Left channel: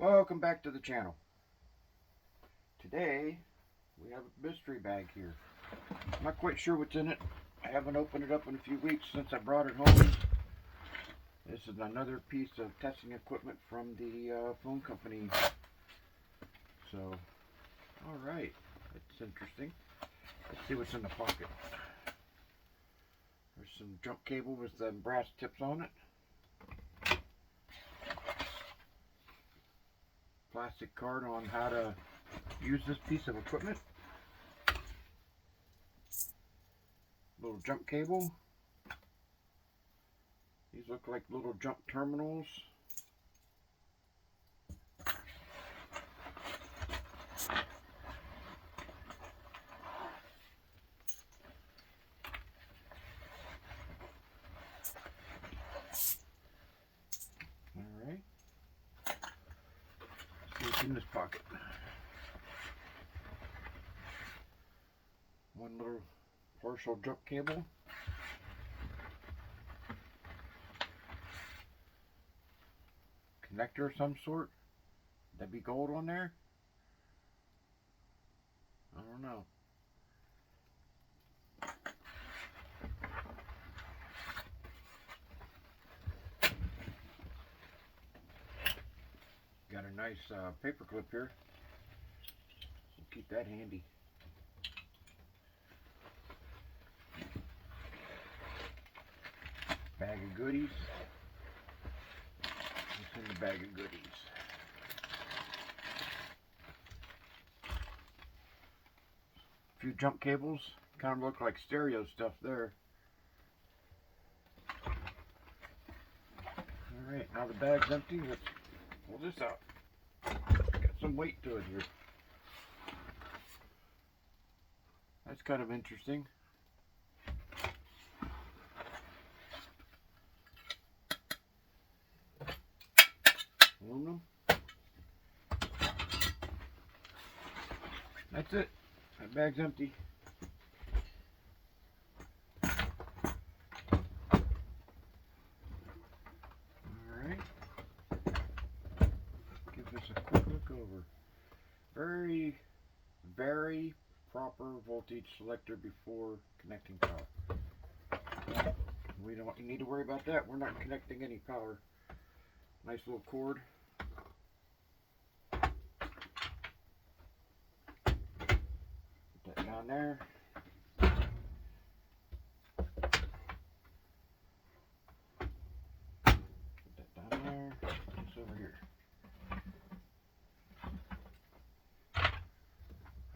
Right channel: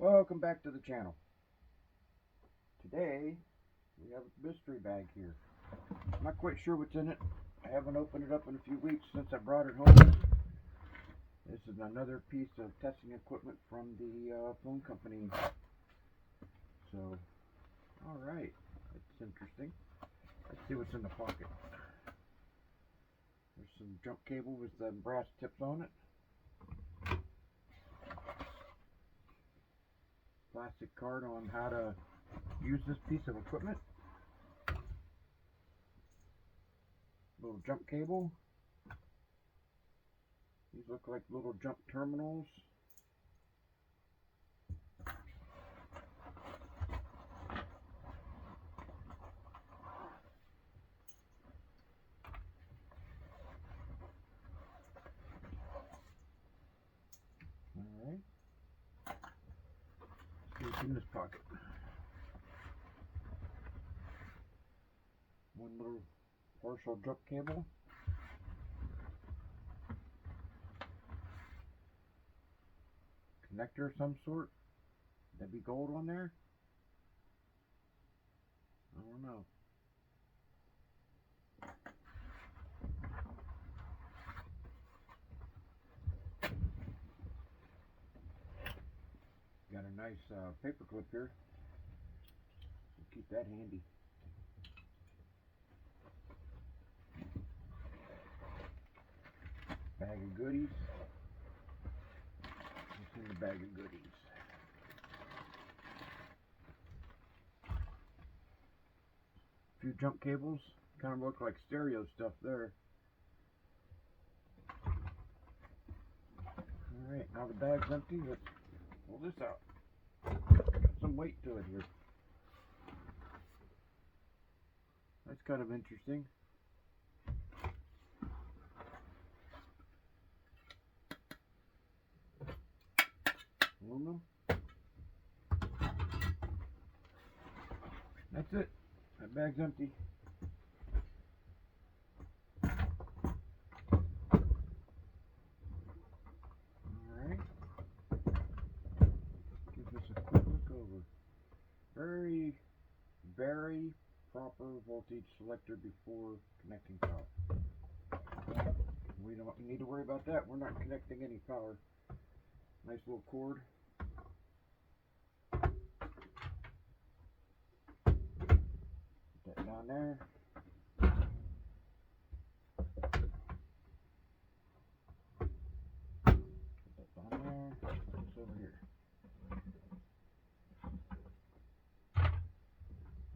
Welcome back to the channel. Today we have a mystery bag here. I'm not quite sure what's in it. I haven't opened it up in a few weeks since I brought it home. This is another piece of testing equipment from the phone company. So, alright, that's interesting. Let's see what's in the pocket. There's some jump cable with the brass tips on it. Plastic card on how to use this piece of equipment. Little jump cable. These look like little jump terminals. Alright. See what's in this pocket. One little partial jump cable. Connector of some sort. That'd be gold on there? I don't know. Got a nice paper clip here. So keep that handy. Bag of goodies. What's in the bag of goodies? A few jump cables. Kind of look like stereo stuff there. Alright, now the bag's empty. Let's pull this out. Got some weight to it here. That's kind of interesting. Aluminum. That's it. That bag's empty. Alright. Give this a quick look over. Very proper voltage selector before connecting power. We don't need to worry about that. We're not connecting any power. Nice little cord. Put that down there. Put that down there. Put this over here.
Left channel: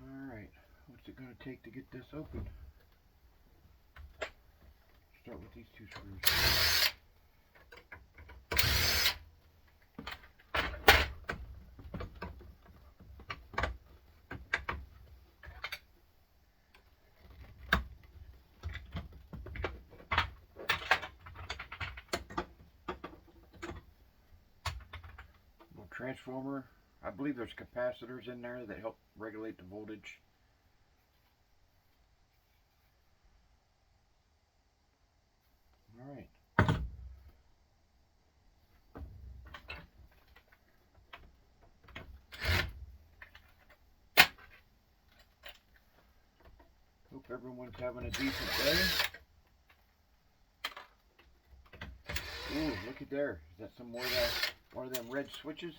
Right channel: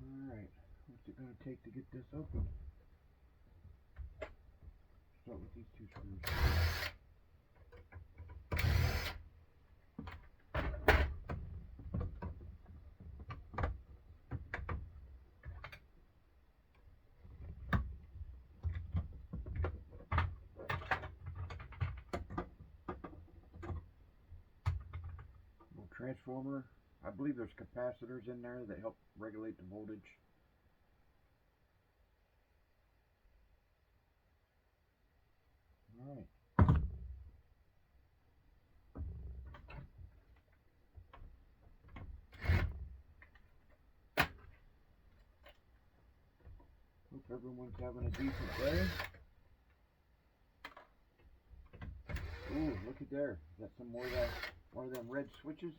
Alright, what's it going to take to get this open? Start with these two screws. Little transformer. I believe there's capacitors in there that help regulate the voltage. Alright. Hope everyone's having a decent day. Ooh, look at there. Is that some more of that, one of them red switches?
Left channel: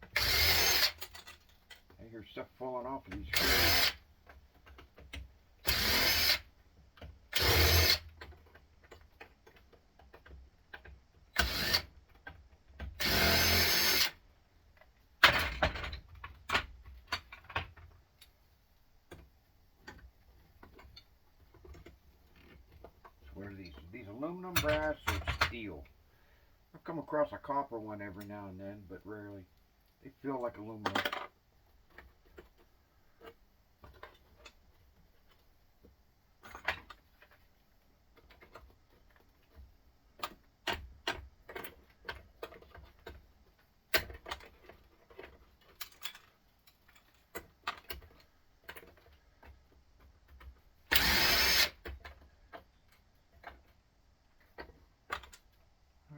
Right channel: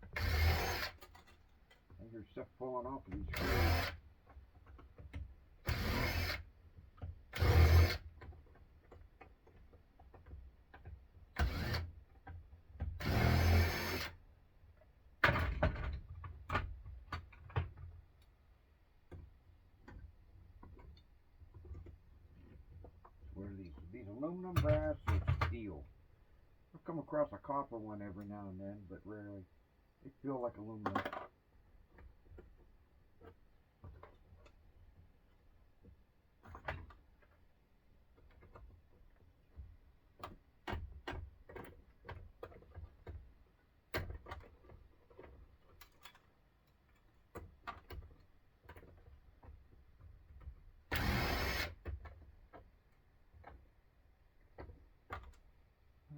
I hear stuff falling off of these screws. What are these? Are these aluminum, brass, or steel? I've come across a copper one every now and then, but rarely. They feel like aluminum.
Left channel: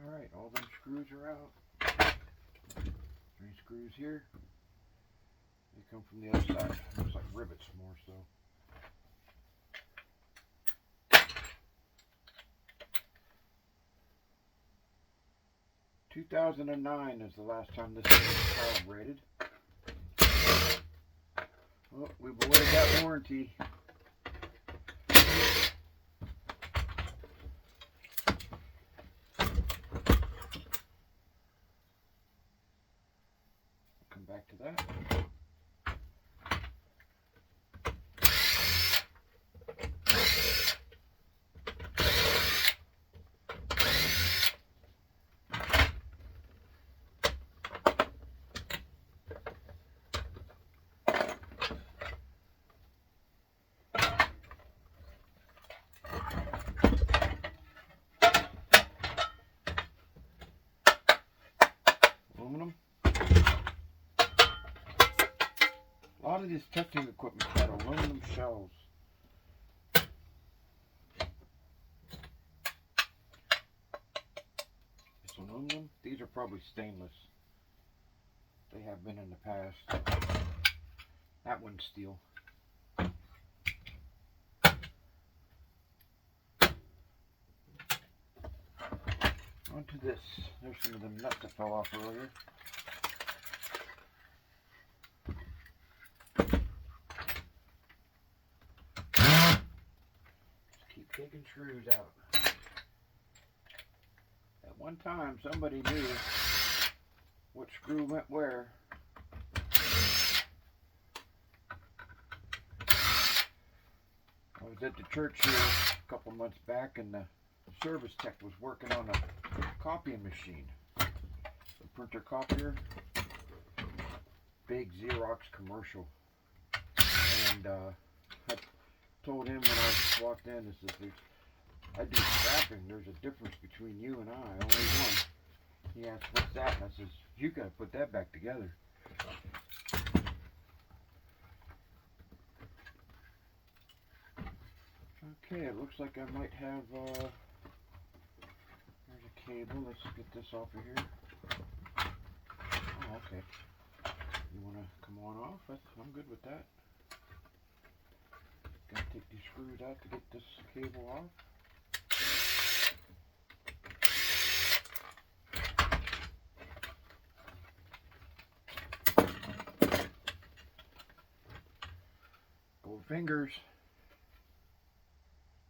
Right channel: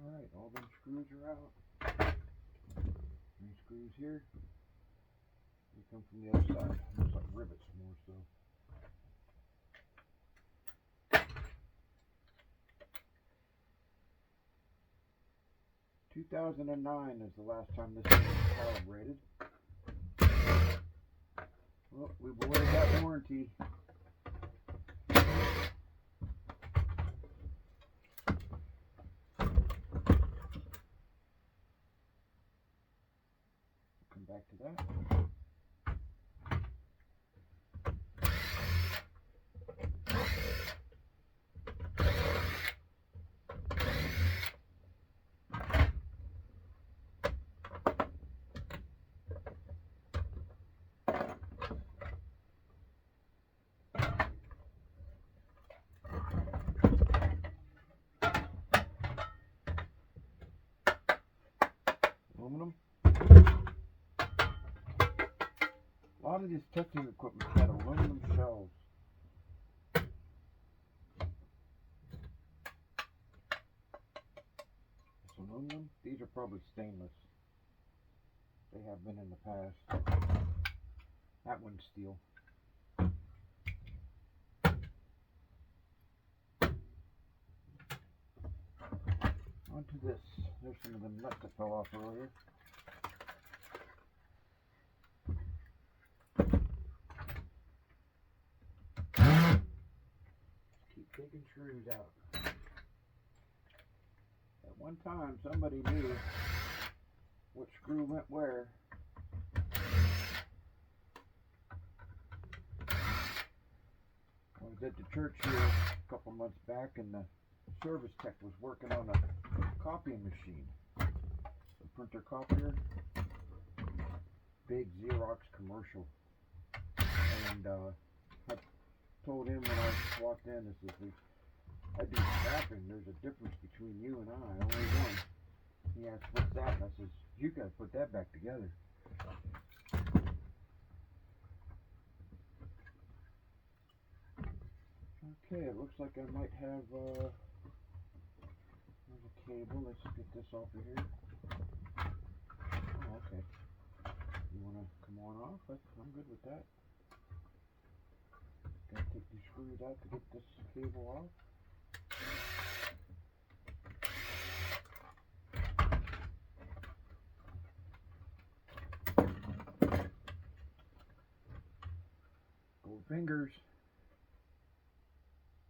Alright, all them screws are out. screws here. They come from the other side. Looks like rivets more so. $2009 is the last time this thing was calibrated. Well, we've avoided that warranty. Come back to that. Aluminum. A lot of this testing equipment had aluminum shells. It's aluminum. These are probably stainless. They have been in the past. That one's steel. Onto this. There's some of them nuts that fell off earlier. Just keep taking screws out. At one time, somebody knew what screw went where. I was at the church here a couple months back, and the service tech was working on a copying machine, a printer copier, big Xerox commercial. And I told him when I walked in, this is, I do scrapping. There's a difference between you and I, only one. He asked, what's that? And I says, you got to put that back together. Okay, it looks like I might have, there's a cable. Let's get this off of here. Oh, okay. You want to come on off? I'm good with that. Gotta take these screws out to get this cable off. Gold fingers.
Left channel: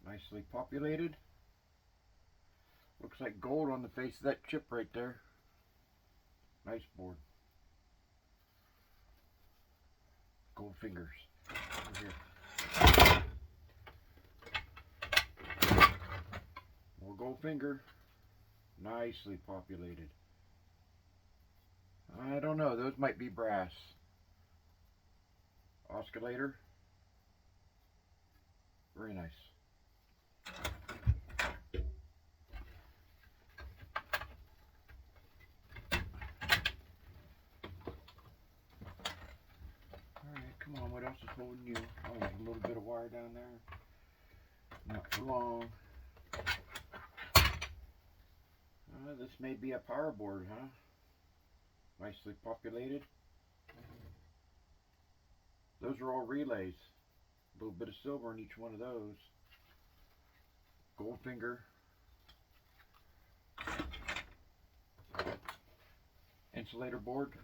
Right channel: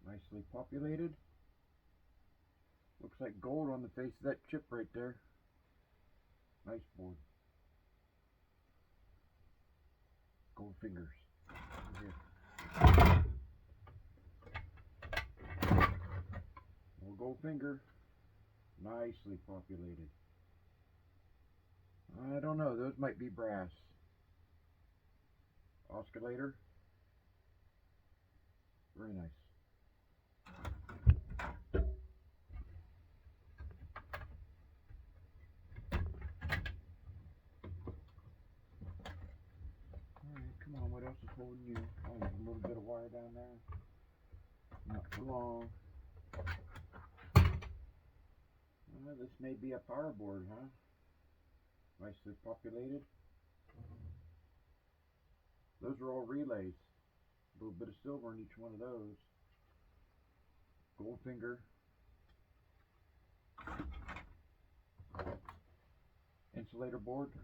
Nicely populated. Looks like gold on the face of that chip right there. Nice board. Gold fingers. Over here. More gold finger. Nicely populated. I don't know. Those might be brass. Oscillator. Very nice. Alright, come on, what else is holding you? Oh, there's a little bit of wire down there. Not for long. This may be a power board, huh? Nicely populated. Those are all relays. A little bit of silver in each one of those. Gold finger. Insulator board.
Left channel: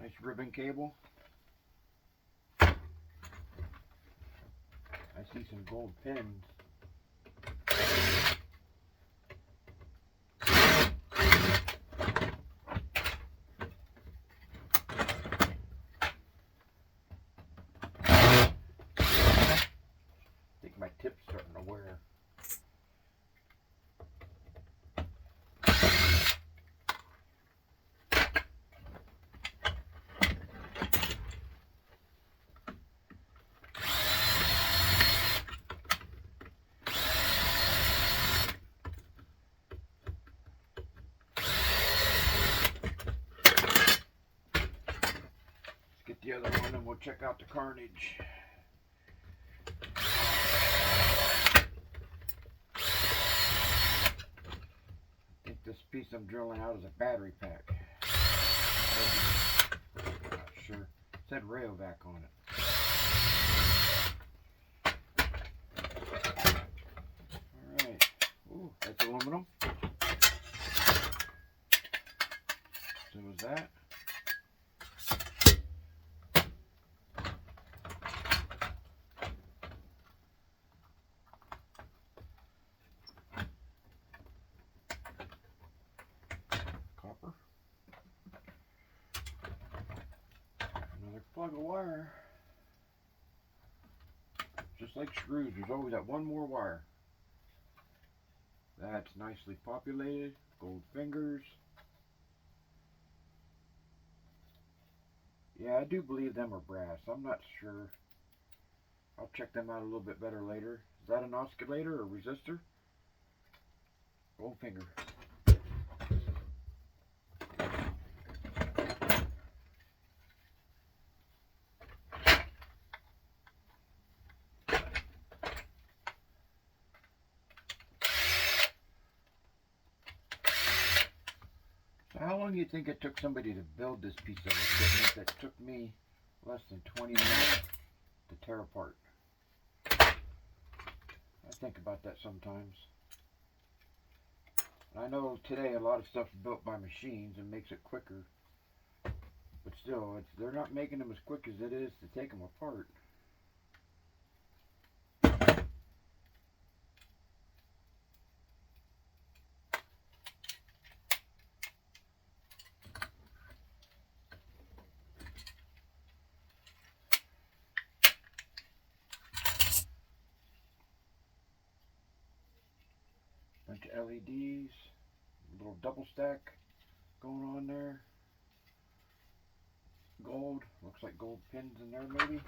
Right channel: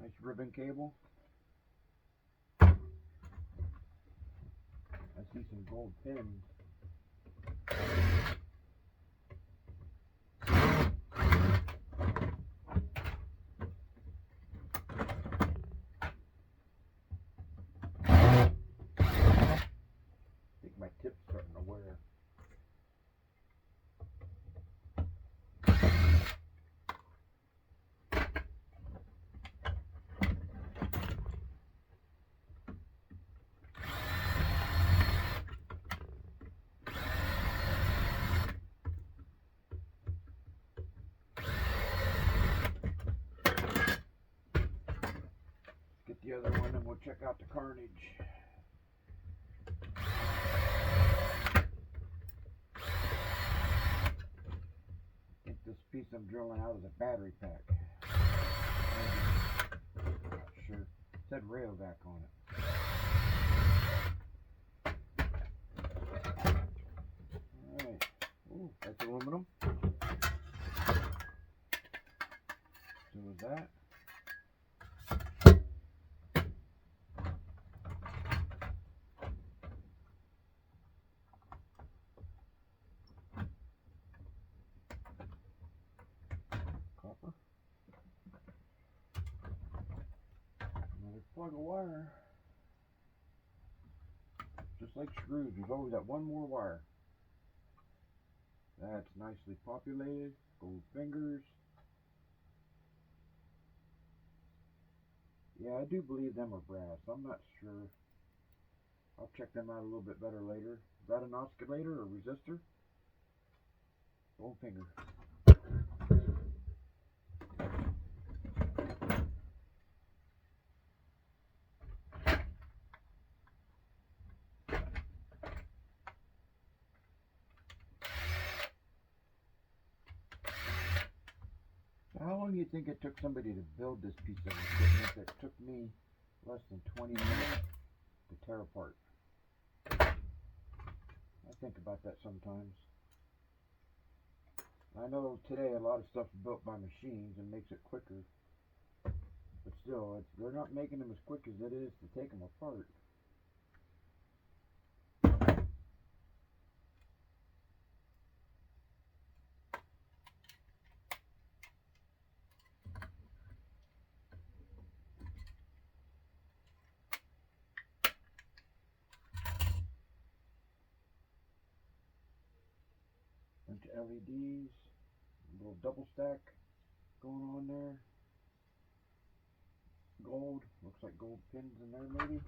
Nice ribbon cable. I see some gold pins. I think my tip's starting to wear. the other one and we'll check out the carnage. I think this piece I'm drilling out is a battery pack. Not sure. It said Rayovac on it. Alright. Ooh, that's aluminum. So was that. Copper. Another plug of wire. Just like screws, there's always that one more wire. That's nicely populated. Gold fingers. Yeah, I do believe them are brass. I'm not sure. I'll check them out a little bit better later. Is that an oscillator or resistor? Gold finger. So how long do you think it took somebody to build this piece of equipment that took me less than 20 minutes to tear apart? I think about that sometimes. I know today a lot of stuff's built by machines and makes it quicker, but still, they're not making them as quick as it is to take them apart. Bunch of LEDs, little double stack going on there. Gold, looks like gold pins in there maybe.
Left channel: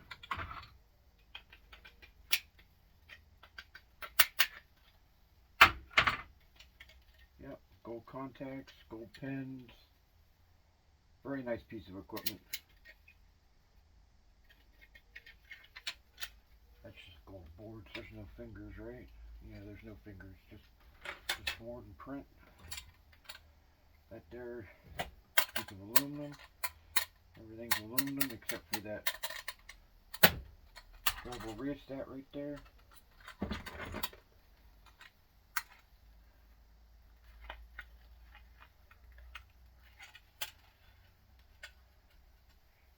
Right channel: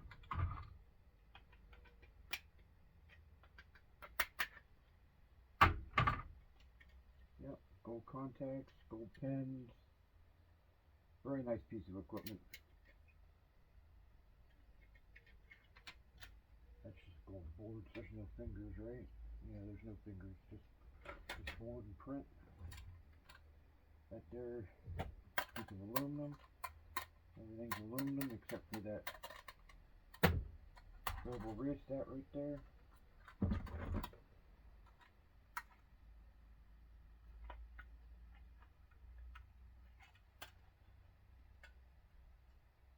Yep, gold contacts, gold pins. Very nice piece of equipment. That's just gold boards. There's no fingers, right? Yeah, there's no fingers. Just board and print. That there, piece of aluminum. Everything's aluminum except for that global rheostat right there.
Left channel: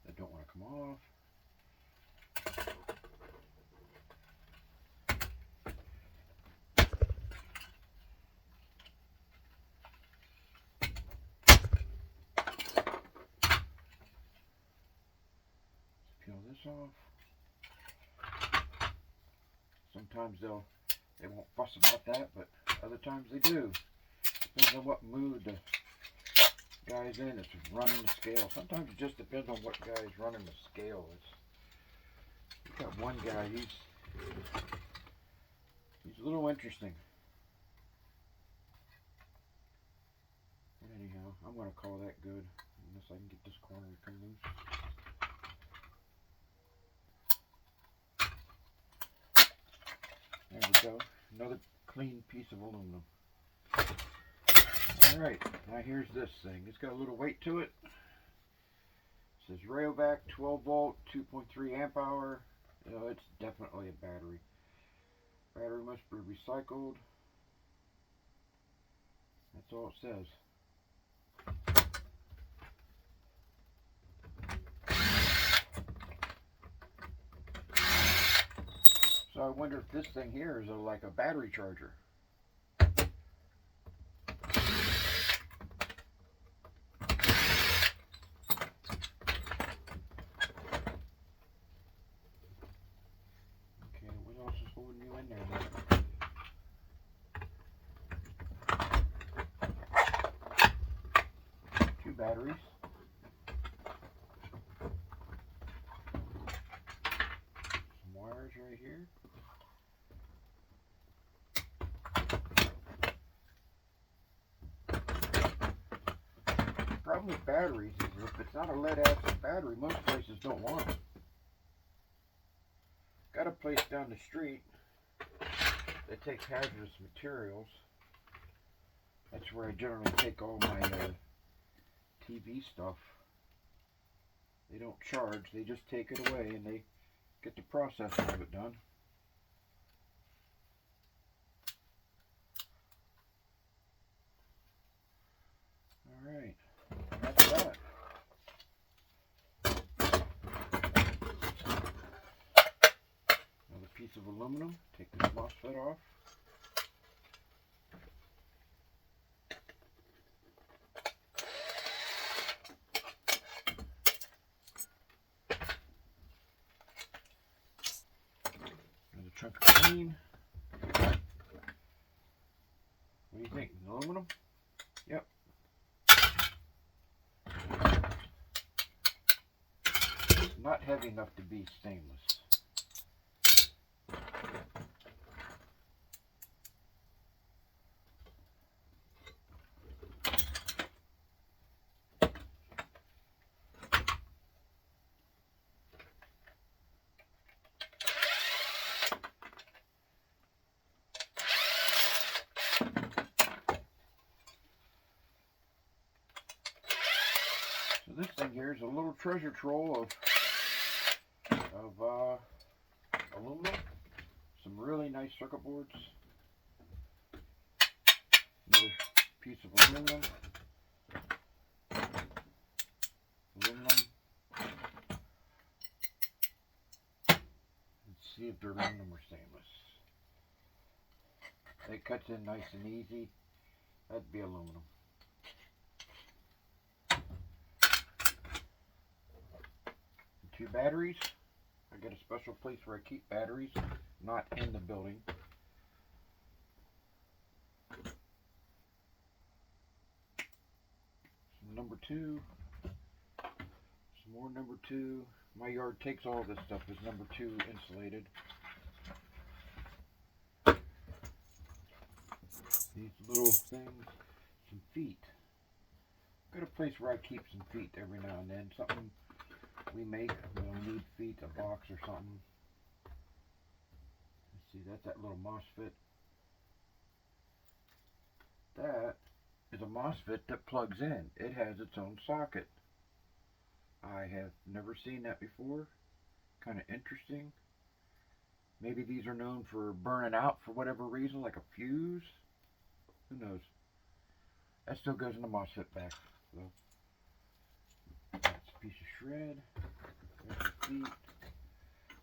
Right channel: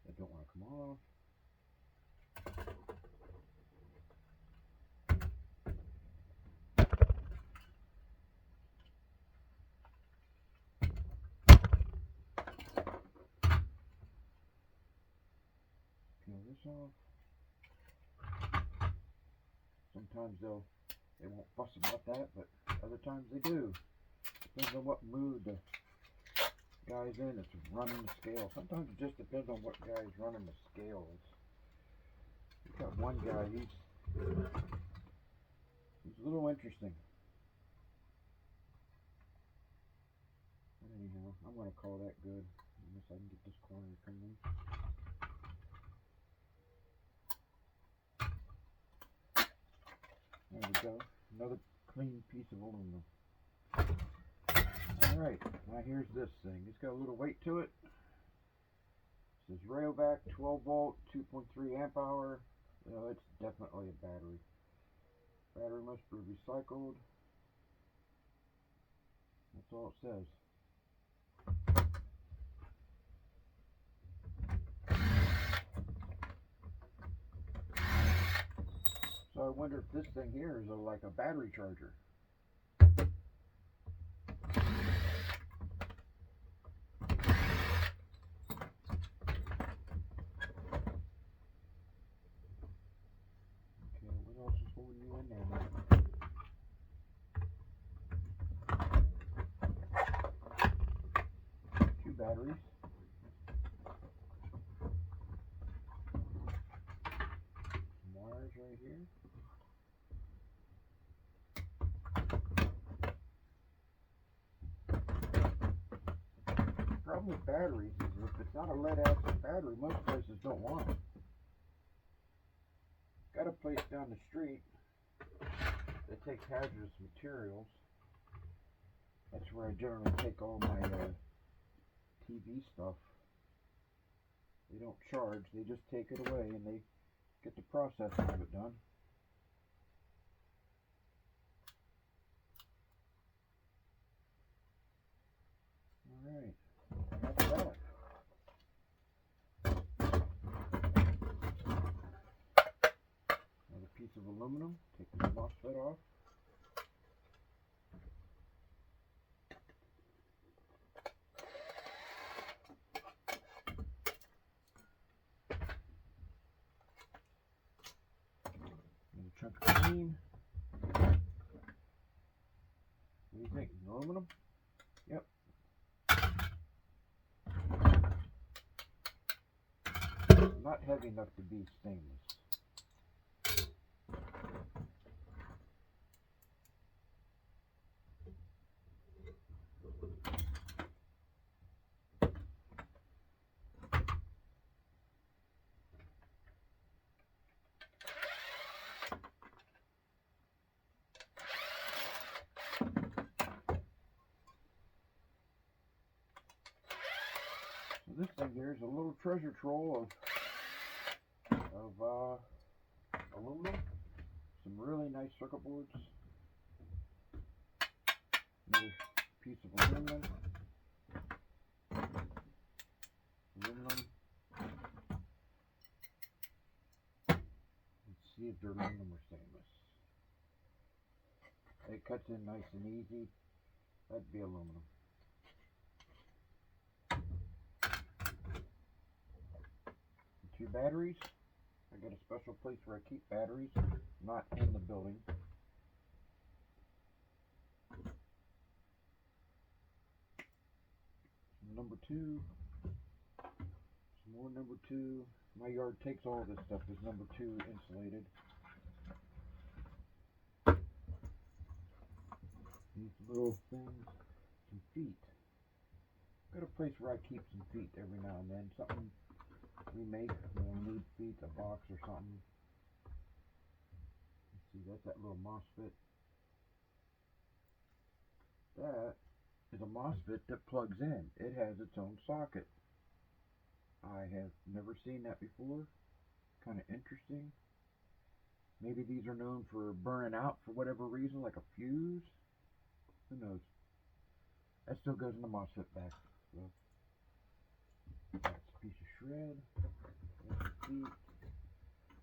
That don't want to come off. Peel this off. Sometimes they won't fuss about that, but other times they do. Depends on what mood the guy's in. It's running the scale. Sometimes it just depends on what guy's running the scale. You've got one guy, he's a little interesting. But anyhow, I'm going to call that good, unless I can get this corner to come loose. There we go. Another clean piece of aluminum. Alright, now here's this thing. It's got a little weight to it. It says Rayovac 12 volt, 2.3 amp hour. You know, it's definitely a battery. Battery must be recycled. That's all it says. So I wonder if this thing here is like a battery charger. Okay, what else is holding you in there then? Two batteries. Some wires right here. problem with batteries is if it's not a lead acid battery, most places don't want them. Got a place down the street that takes hazardous materials. That's where I generally take all my TV stuff. They don't charge, they just take it away and they get the processing of it done. Alright, that's that. Another piece of aluminum, take this MOSFET off. Another chunk of clean. What do you think? Aluminum? Yep. It's not heavy enough to be stainless. So this thing here is a little treasure trove of aluminum, some really nice circuit boards, another piece of aluminum, let's see if they're aluminum or stainless. It cuts in nice and easy. That'd be aluminum. Two batteries. I got a special place where I keep batteries, not in the building. Some number 2. Some more number 2. My yard takes all this stuff as number 2 insulated. These little things, some feet. Got a place where I keep some feet every now and then. Something we make, we'll need feet, a box or something. Let's see, that's that little MOSFET. That is a MOSFET that plugs in. It has its own socket. I have never seen that before. Kind of interesting. Maybe these are known for burning out for whatever reason, like a fuse. Who knows? That still goes in the MOSFET back. So that's a piece of shred. There's the feet.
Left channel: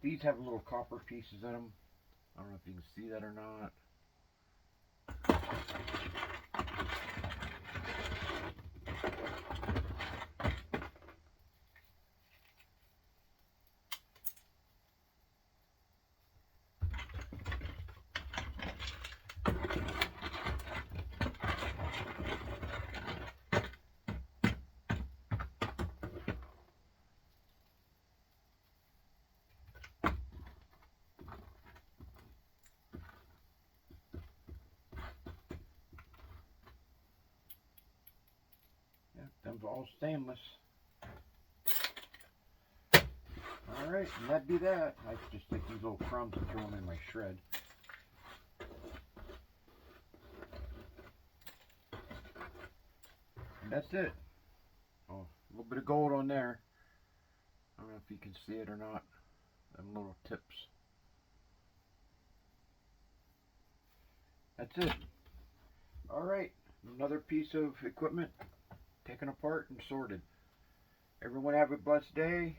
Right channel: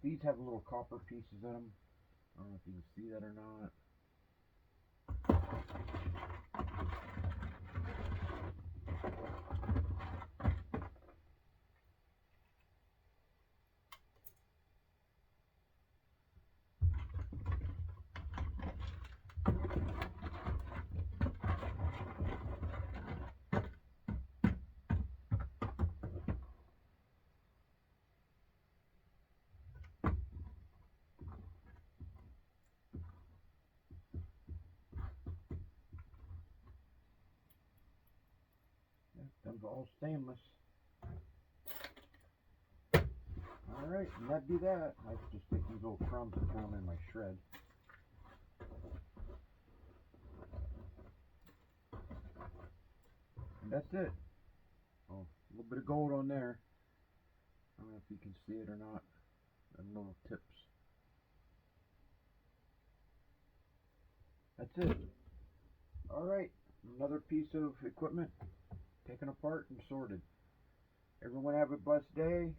These have little copper pieces in them. I don't know if you can see that or not. Them's all stainless. Alright, and that'd be that. I just take these little crumbs and throw them in my shred. And that's it. Oh, a little bit of gold on there. I don't know if you can see it or not. Them little tips. That's it. Alright, another piece of equipment taken apart and sorted. Everyone have a blessed day,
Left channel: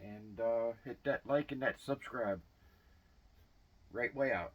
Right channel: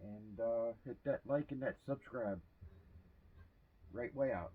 and hit that like and that subscribe. Right way out.